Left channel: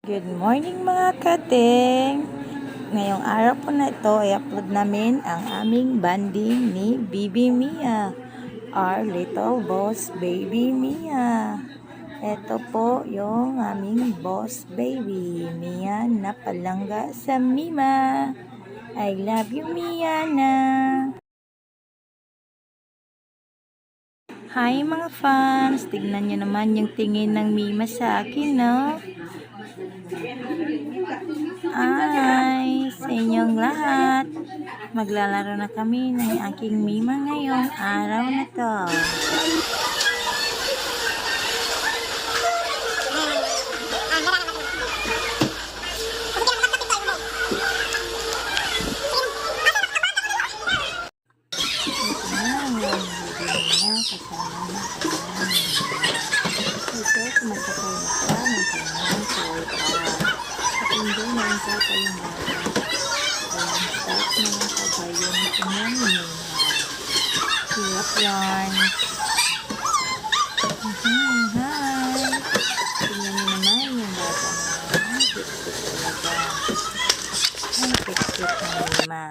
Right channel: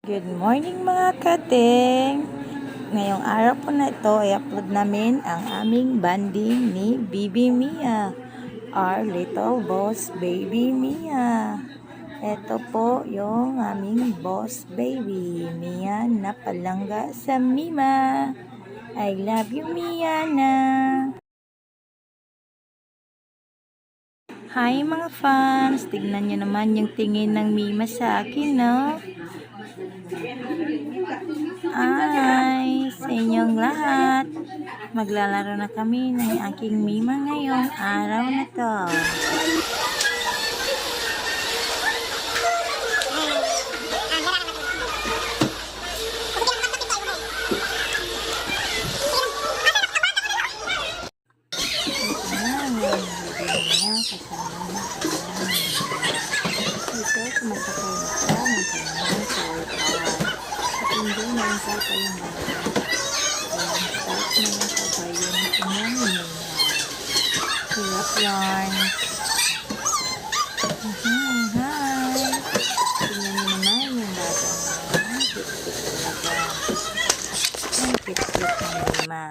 Good morning mga kating! Ngayong araw po na ito ay upload namin ang aming banding ni Bibi Mia, our little boss baby Mia. Ito po yung aming boss baby, Mia na palangga sa Mima. I love you Mia na! Hi mga fans! Tignan nyo naman yung tingin ng Mima sa akin, no? Ay, sa inyong lahat. Maglalaro na kami ng aking Mima ngayong araw na to. Kasama na ito, sumasakay na siya ng kanyang sidecar. At hindi na yung sapa yung mga. Ayan, start na yung kabayo ng kanyang Mima. Hirap yarn. Hi! Tingnan niyo naman yung bata niya. Ang cute-cute talaga. Ang cute-cute ng Mima.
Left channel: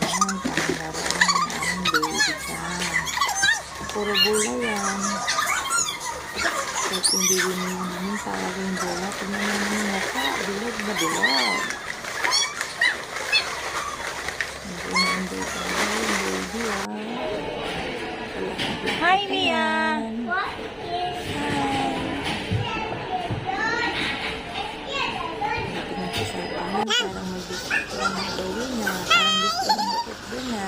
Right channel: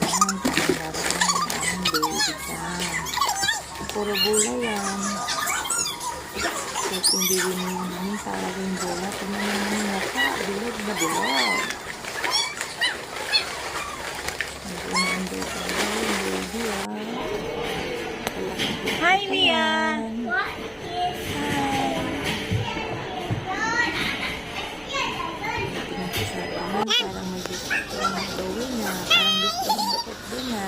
Ayan, parang laro yung aming baby dyan. Puro bola yan. Kahit hindi rin namin talaga yung bola. Tingnan naman yung mukha. Bilog na bilog. Hindi talaga yung baby Hi, Mia! Hi! Tingnan ko sa atin. Parang may gusto lang gawin na. Parang gusto lang makit doon na.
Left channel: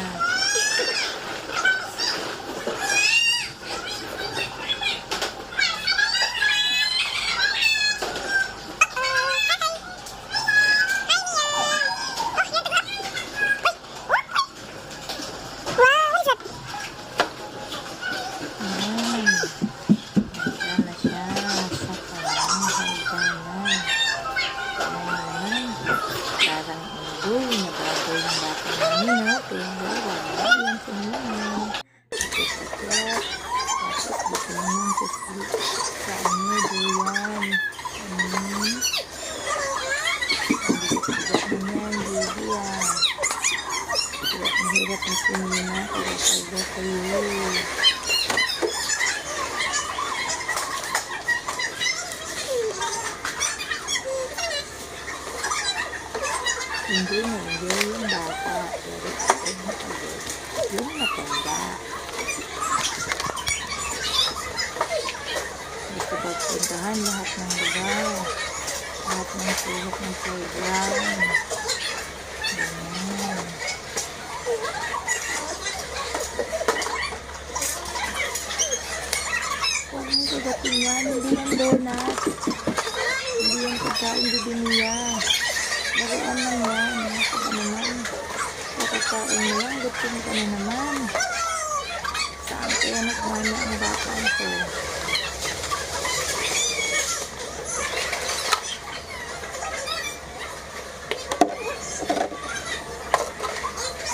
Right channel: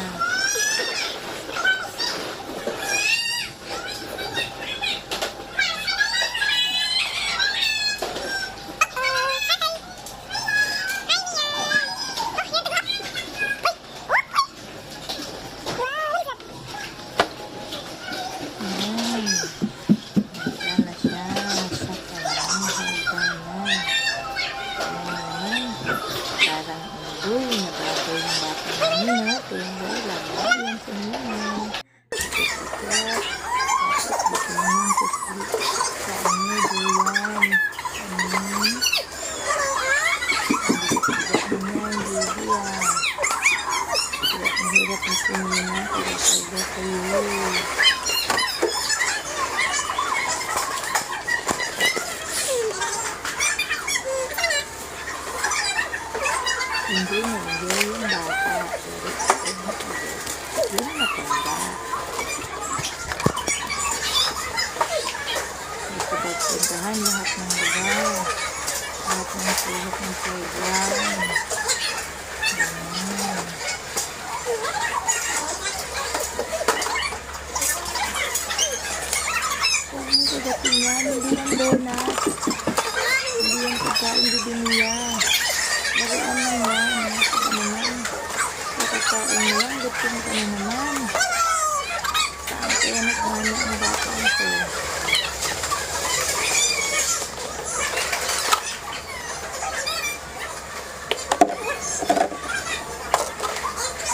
Uy, nababoy ng bata namin, no? Pero wala yan sa Mima. Tapos, dito naman sa ano, duyan. Ang bigat niyan, baby, Hirap na si Mima. Kaya kayo. Hindi na-enjoy yung bata, pero yung matanda. Gusto ba puntahan lahat ng lugar, lahat ng sulok ng playground. Huwag mo kagating yan, hindi yan donut. Hindi yan pagkain Bibi-Mia. Laruan lang yan. Saka naman. Nakakain mo lang. Gutom ka na naman. Saan kaya nagmana ang bata ito?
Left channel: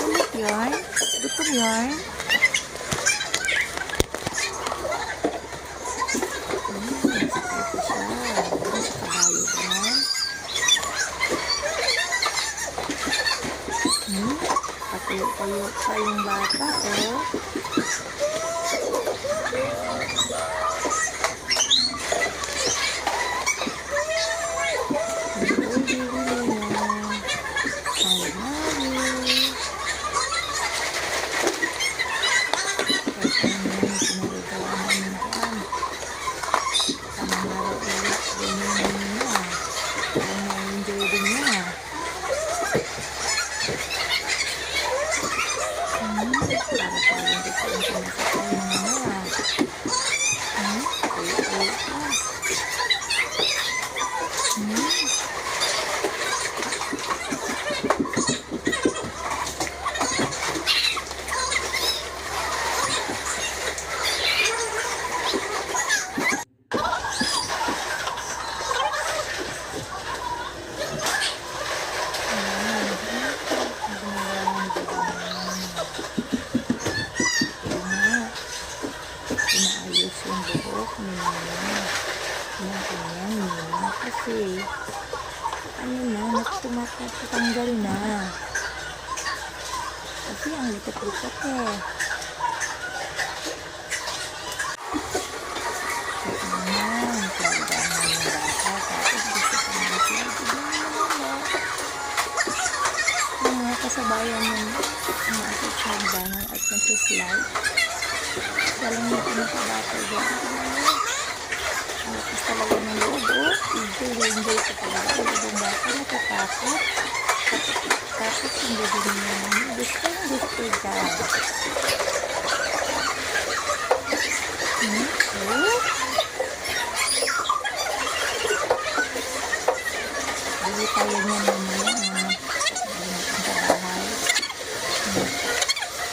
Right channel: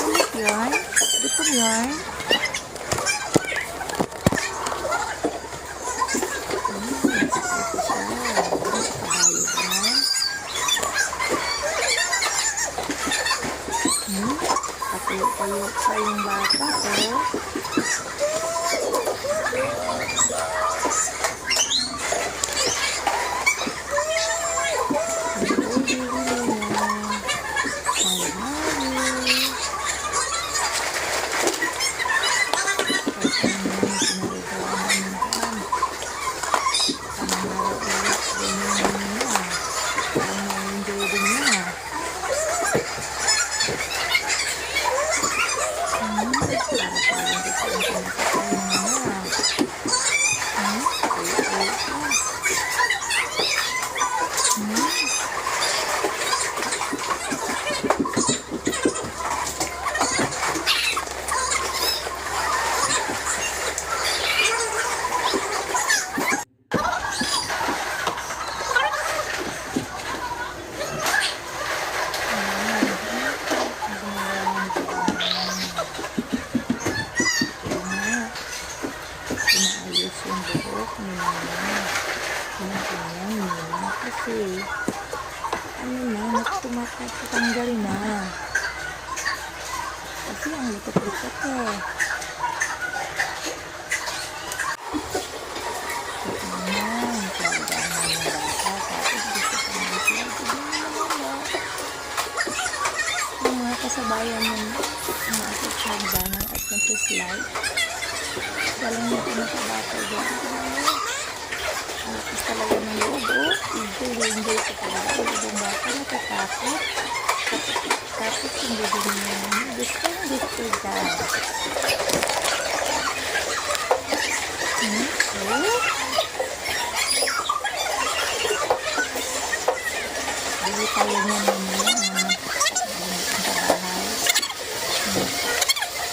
Ulit yarn? Gutom yarn? Tayo pa yung bata, Inaayos yung buhok ni Mima. Yung kanyang Mima. Kasi, ano na, nagtumatanggal na. Kasi ang likot-likot eh. Ayan, pinagdaman ng bata. Tapos gusto pa naman sila. Tignan mo naman yung mga kasabayan ng mga ating pinagdaman at nagsislide. Walang yung pinakabata dyan. Ang lakas talaga ng loob, oh. Enjoy ko talaga. Yung bata natatakot. Tapos hindi din naman. Gusto dyan. Oh. Bili tayo niya mamaya. Bili natin sa bahay.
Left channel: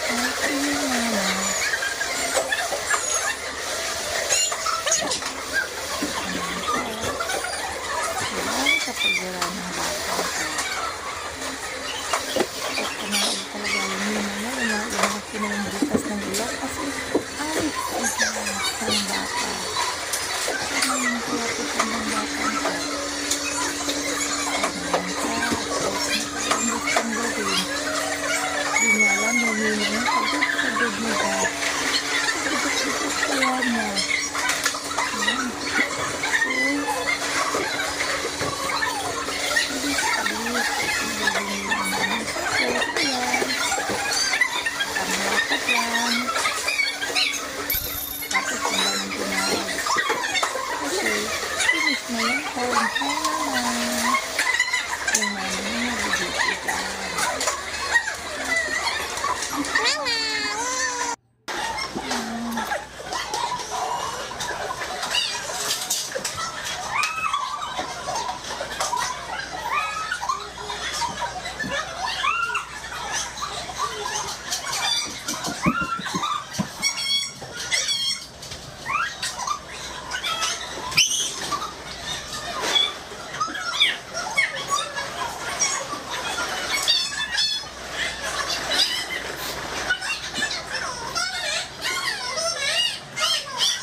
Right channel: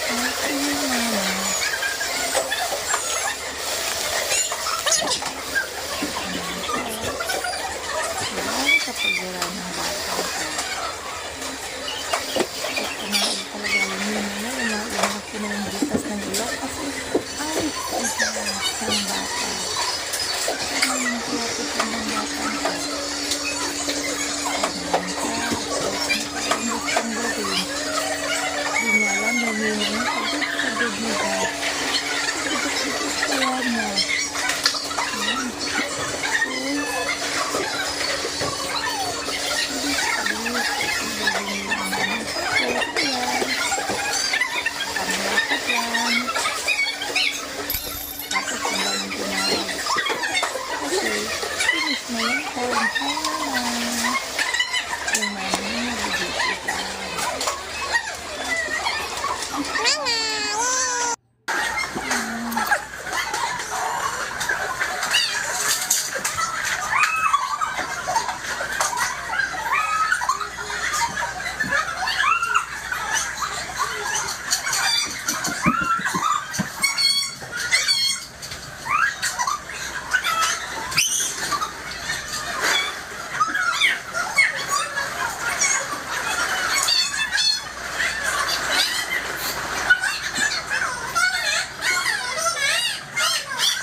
Okay, mama. Kapag wala ng bata ko. Kumain talaga yun yun na yung pinangbutas ng ilok kasi ay ng bata. Ano yung kinapitan ng bata ko? Ang gustong gawin. Hindi niya alam, hindi niya pagod mo ba? Pagod kaya niya. Tapos ang daming tumawag. Kasi, finish na yung time. Hi, mama. Yung mama niya nabibigyan. Mama!